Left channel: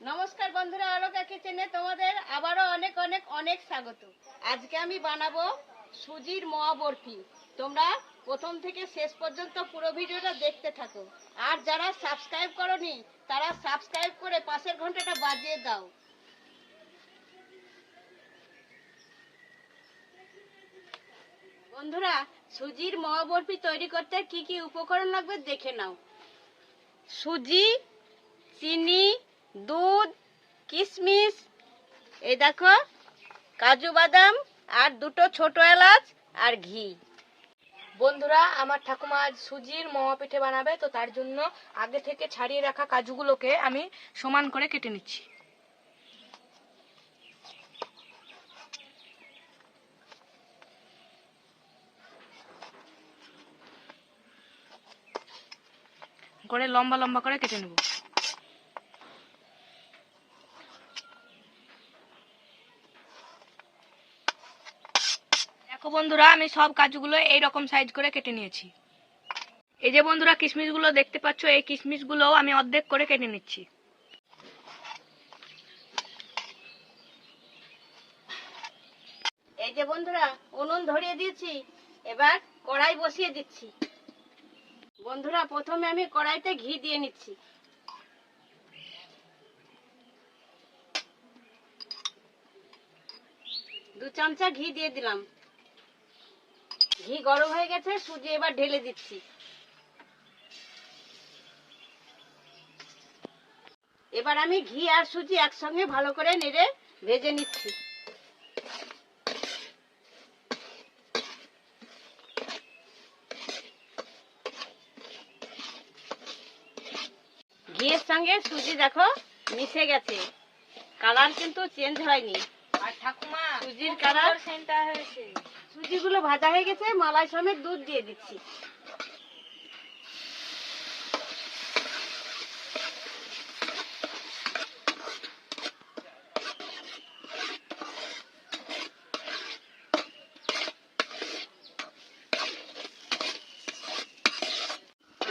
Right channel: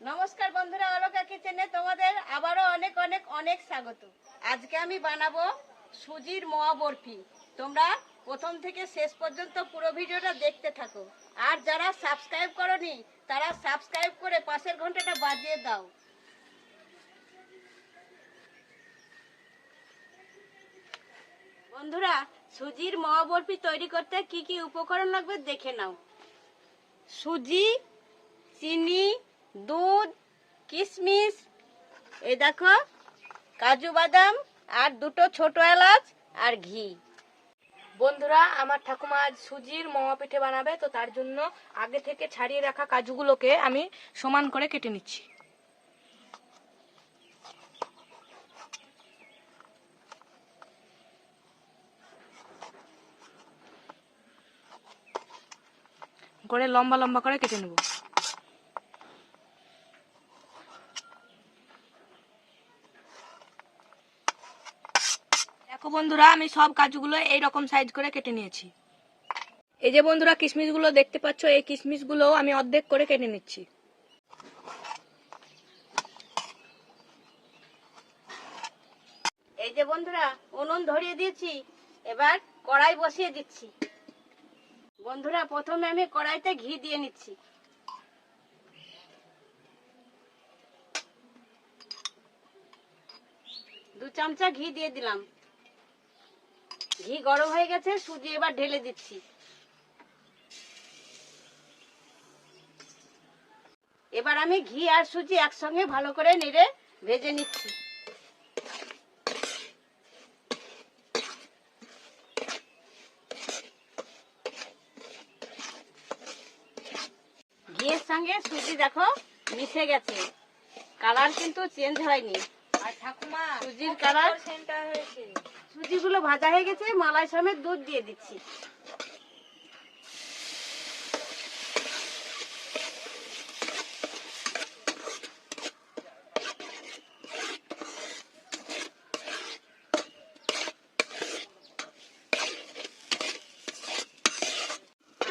নমস্কার বন্ধুরা, আলোকা কিচেনে তোমাদের আবারও অনেক অনেক অনেক স্বাগত। আজকে আমি বানাবো সুজির মোয়া বরফি। তোমরা প্রথম থেকে শেষ পর্যন্ত পুরো ভিডিওটা দেখতে থাকো। আর যারা সাবস্ক্রাইব করোনি তারা সাবস্ক্রাইব করে পাশের ঘন্টাটা বাজিয়ে দাও। বন্ধুরা, সুজির মোয়া বরফি তৈরি করতে কি কি উপকরণ লাগবে দেখে নাও। সুজি, চিনি, দুধ, কিশমিশ, এই দেখো কাজু বাদাম আর দুটো ছোট এলাচ আর ঘি। বন্ধুরা, আমার ঠাকুমা আজ সুজির মোয়া পিঠে বানাবে, তো তার জন্য আগে থেকে ছাড়িয়ে রাখা কাজুগুলোকে আমি সমান করে কেটে নিচ্ছি। করে লম্বা লম্বা করে কেটে নেব। দেখো বন্ধুরা, আমি সব কাজুগুলো এইরকম সাইজ করে কেটে নিয়েছি। এই যে বন্ধুরা, কিশমিশগুলো দেখতে পাচ্ছ, এই কিশমিশগুলো আমি অর্ধেক করে কেটে নিচ্ছি। এই যে বন্ধুরা, উনুন ধরিয়ে দিয়েছি, এবার কড়াই বসিয়ে দিচ্ছি। বন্ধুরা, প্রথমে আমি কড়াইতে ঘি দিয়ে নিচ্ছি। দু চামচা ঘি দিয়ে দিলাম। ঘি গরম হয়ে গেছে, সুজি এবার ঢেলে দিচ্ছি। এবার আমি ঘি আর সুজি একসঙ্গে ভালো করে নেড়ে ভেজে নিচ্ছি। ঘিয়ের সঙ্গে সুজি দেখো মিশে গেছে, কালার কিন্তু চেঞ্জ হয়নি। আর ঠাকুমা, সুজির কালার সেন্টা হয়েছে। সুজিগুলো ভাজা হয়ে গেছে, মালাই সমেত দুধ দিয়ে দিচ্ছি।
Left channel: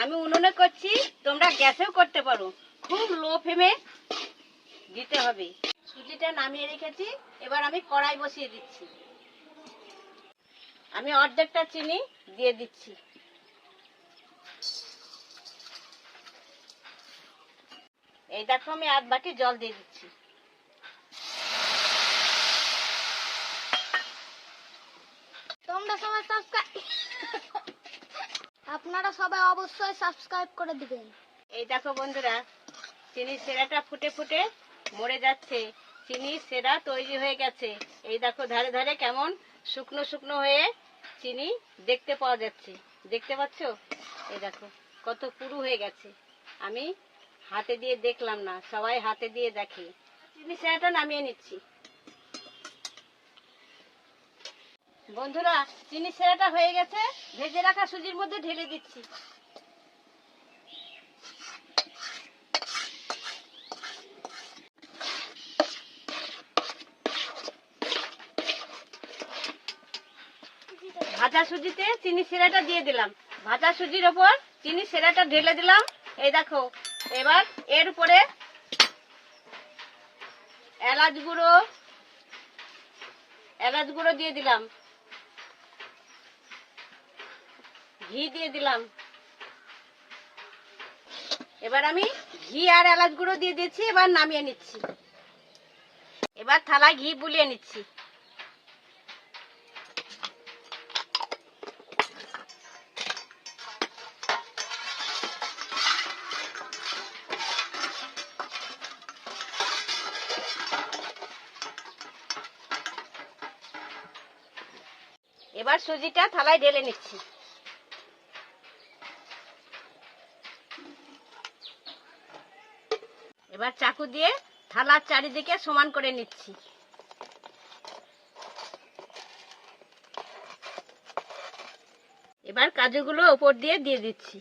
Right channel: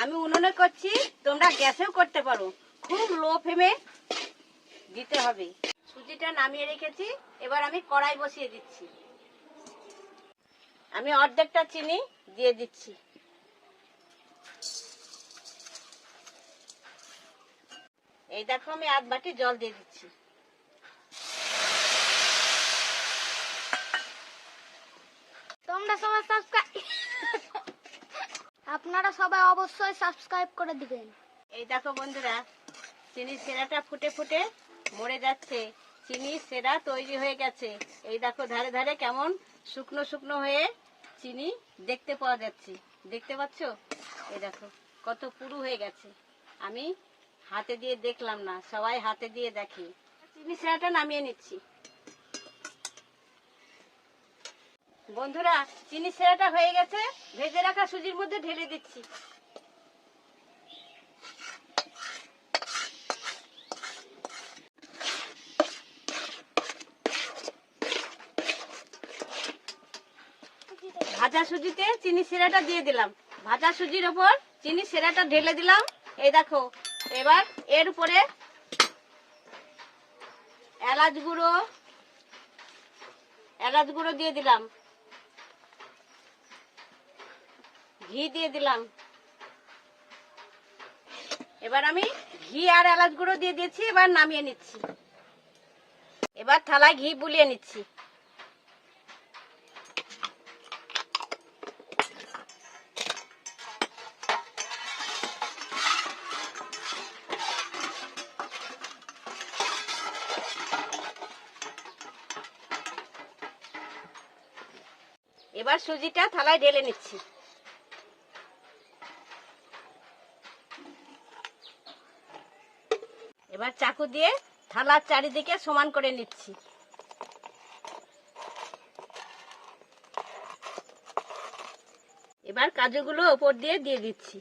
আমি উনুনে করছি, তোমরা গ্যাসেও করতে পারো। খুব লো ফ্লেমে দিতে হবে। সুজিটা নামিয়ে রেখেছি, এবার আমি কড়াই বসিয়ে দিচ্ছি। আমি অর্ধেকটা চিনি দিয়ে দিচ্ছি। এই দেখো, আমি আধ বাটি জল দিয়ে দিচ্ছি। আপনারা সবাই অবশ্যই সাবস্ক্রাইব করে দিবেন। এই দেখো বন্ধুরা, চিনির সেরাটা ফুটে ফুটে মরে যাচ্ছে। চিনির সেরা তৈরি হয়ে গেছে। এই দেখো ধারে ধারে কেমন শুকনো শুকনো হয়ে চিনি দেখতে পাওয়া যাচ্ছে। দেখতে পাচ্ছ? এই দেখো কত পুরু হয়ে গেছে। আমি হাতে দিয়ে দেখলাম না, সবাই হাতে দিয়ে দেখে। চিনি সেরাটা নামিয়ে নিচ্ছি। বন্ধুরা, চিনি সেরাটা হয়ে গেছে, ভেজে রাখা সুজির মধ্যে ঢেলে দিচ্ছি। ভাজা সুজিতে চিনি সেরাটা দিয়ে দিলাম। ভাজা সুজির ওপর চিনি সেরাটা ঢেলে দিলাম। এই দেখো, এবার এর উপরে এলাচ গুঁড়ো দিয়ে দিলাম, ঘি দিয়ে দিলাম। এবার আমি ঘি আর এলাচ গুঁড়ো দিয়ে দিয়েছি, এবার নামিয়ে নিচ্ছি। এবার থালায় ঘি বুলিয়ে নিচ্ছি। এবার সুজিটা থালায় ঢেলে নিচ্ছি। এবার চাকু দিয়ে থালার চারিদিকে সমান করে নিচ্ছি। এবার কাজুগুলো উপর দিয়ে দিচ্ছি।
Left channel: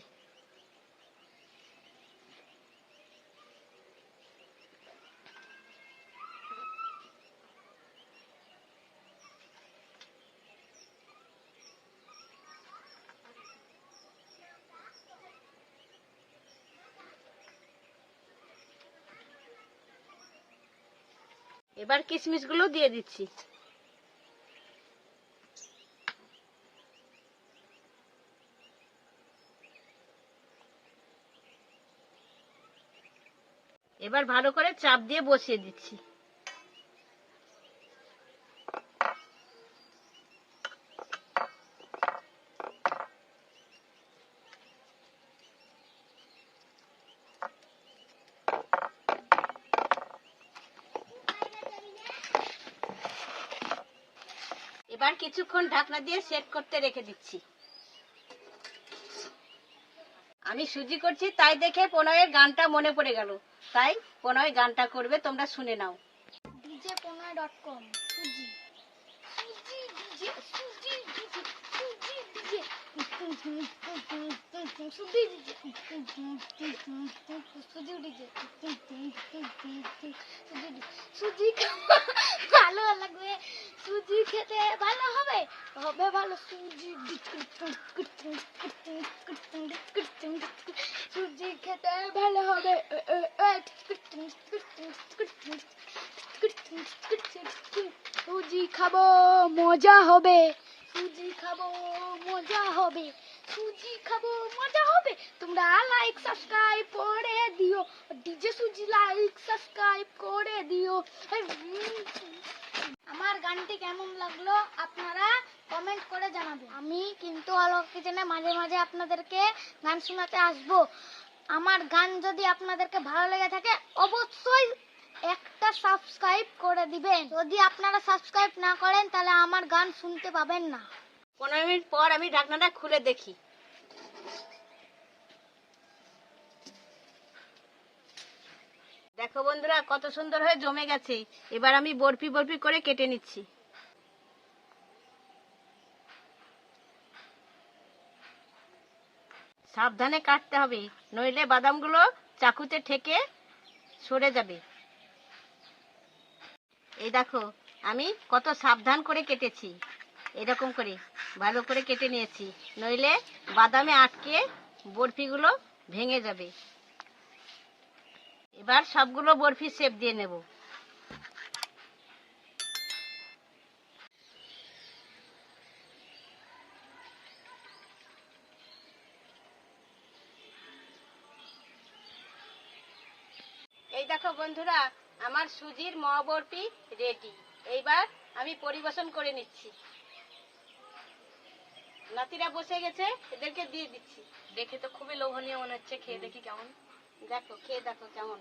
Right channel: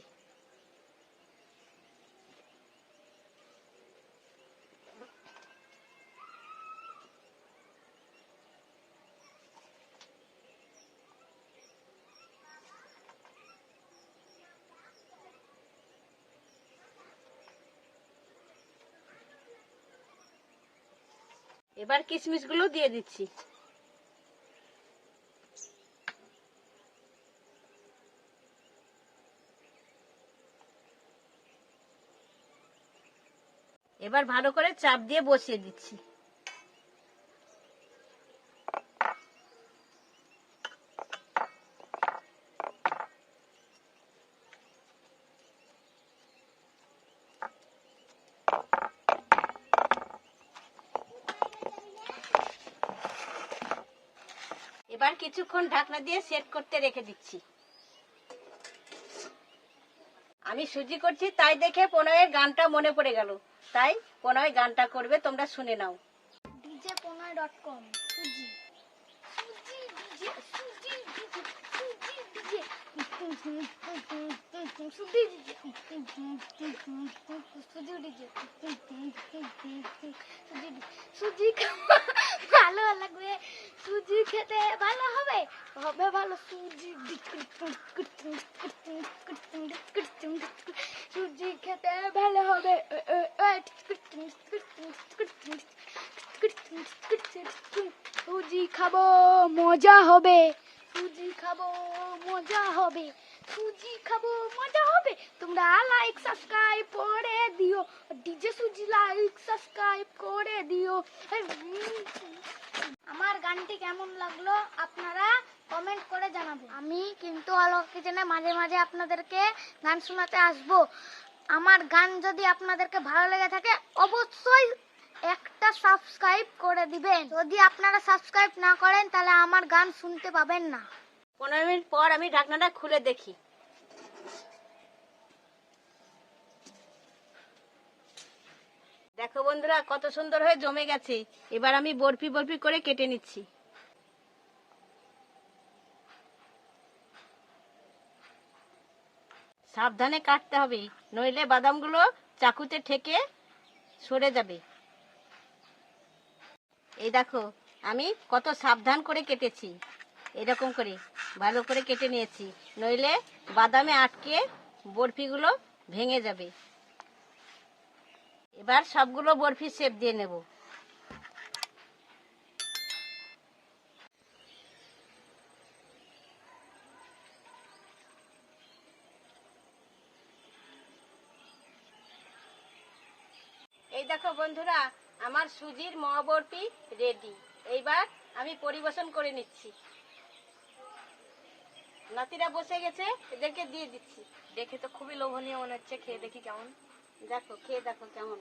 এবার কিশমিশগুলো দিয়ে দিচ্ছি। এবার ভালো করে চাপ দিয়ে বসিয়ে দিচ্ছি। এবার কিছুক্ষণ ঢাকনা দিয়ে সেট করতে রেখে দিচ্ছি। আমি সুজি করছি তাই দেখে প্রণয়ের গানটা মনে পড়ে গেল, তাই প্রণয় গানটা করবে, তোমরা শুনে নাও। dj.com সুজি সুজি ডিজে সুজি ডিজে সুজি ডিজে সুজি ডিজে সুজি ডিজে সুজি ভালো লাগবে, সুজি খেতে ভালো হবে, হবে ভালো সুজি সুজি খেতে ভালো হবে। সুজি খাবো মজা হবে, সুজি খাবো মজা হবে, সুজি খাবো মজা হবে। তোমরা লাইক সাবস্ক্রাইব করে দিও, ডিজে সুজি লাইক সাবস্ক্রাইব করে দিও। আমার গানটি কেমন লাগলো আপনারা কমেন্ট করে জানাবেন। আমি কিন্তু আলোকা কিচেনে মাঝে মাঝে আপনাদেরকে গান শোনাতে আসবো। আমার গান যদি আপনাদেরকে ভালো লেগে থাকে অবশ্যই একটা সাবস্ক্রাইব করে দিবেন। যদি আপনারা সাবস্ক্রাইব না করেন তাহলে আমার গান শুনতে পাবেন না। 15 মিনিট পর আমি ঢাকনাটা খুলে দেখি। দেখো বন্ধুরা কত সুন্দর হয়ে জমে গেছে। এবার আমি বরফি বরফি করে কেটে নিচ্ছি। সাবধানে কাটতে হবে, নইলে বাদামগুলো চাকুতে ঠেকে সরে যাবে। এই দেখো আমি কত সাবধান করে কেটেছি, এরকম করে ভালো করে কেটে নিয়েছি, নইলে বাদামে আটকে বরফিগুলো ভেঙে যাবে। এবার সবগুলো বরফি শেপ দিয়ে নেব। এই দেখো বন্ধুরা আমার সুজির মাওয়া বরফি রেডি। এইবার আমি পরিবেশন করে নিচ্ছি। নাতিরা বসে গেছে, এদেরকে দিয়ে দিচ্ছি। দেখে তো খুবই লোভনীয় মনে হচ্ছে, খেয়ে দেখি কেমন। দেখো খেয়ে দেখো কেমন।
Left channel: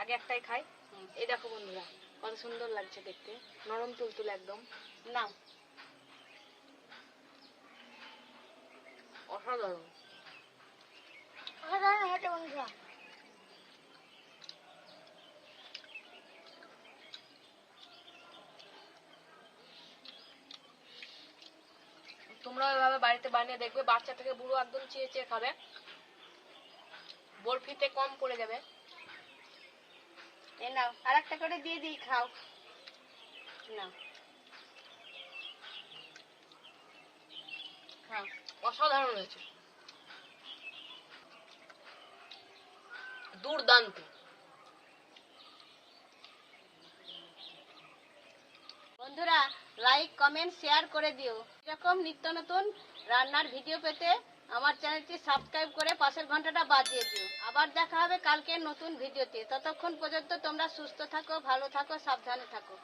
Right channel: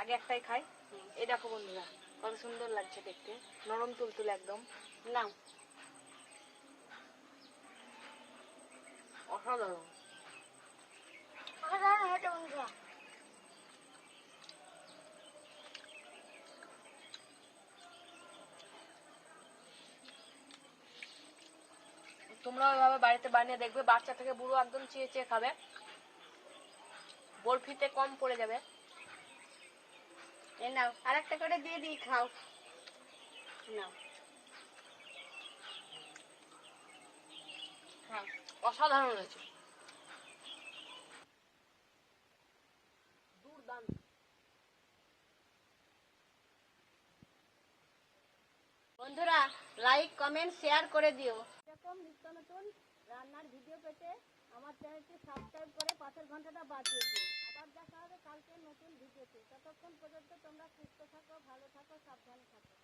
আগে একটাই খাই। এই দেখো বন্ধুরা কত সুন্দর লাগছে দেখতে, নরম তুলতুলে একদম। নাও। অসাধারণ। হেঁটে বন্ধুরা তোমরা ওইভাবে বাড়িতে বানিয়ে দেখবে, বাচ্চা থেকে বুড়ো একদম চেয়ে চেয়ে খাবে। বরফিতে কম পড়ে যাবে। এ নাও আর একটা করে দিয়ে দিই, খাও। নাও খাও। অসাধারণ হয়েছে, দুর্দান্ত। বন্ধুরা লাইক কমেন্ট শেয়ার করে দিও। এরকম নিত্য নতুন রান্নার ভিডিও পেতে আমার চ্যানেলটি সাবস্ক্রাইব করে পাশের ঘন্টাটা বাজিয়ে দিও। আবার দেখা হবে কালকে নতুন ভিডিওতে। ততক্ষণ পর্যন্ত তোমরা সুস্থ থাকো, ভালো থাকো, সাবধানে থাকো।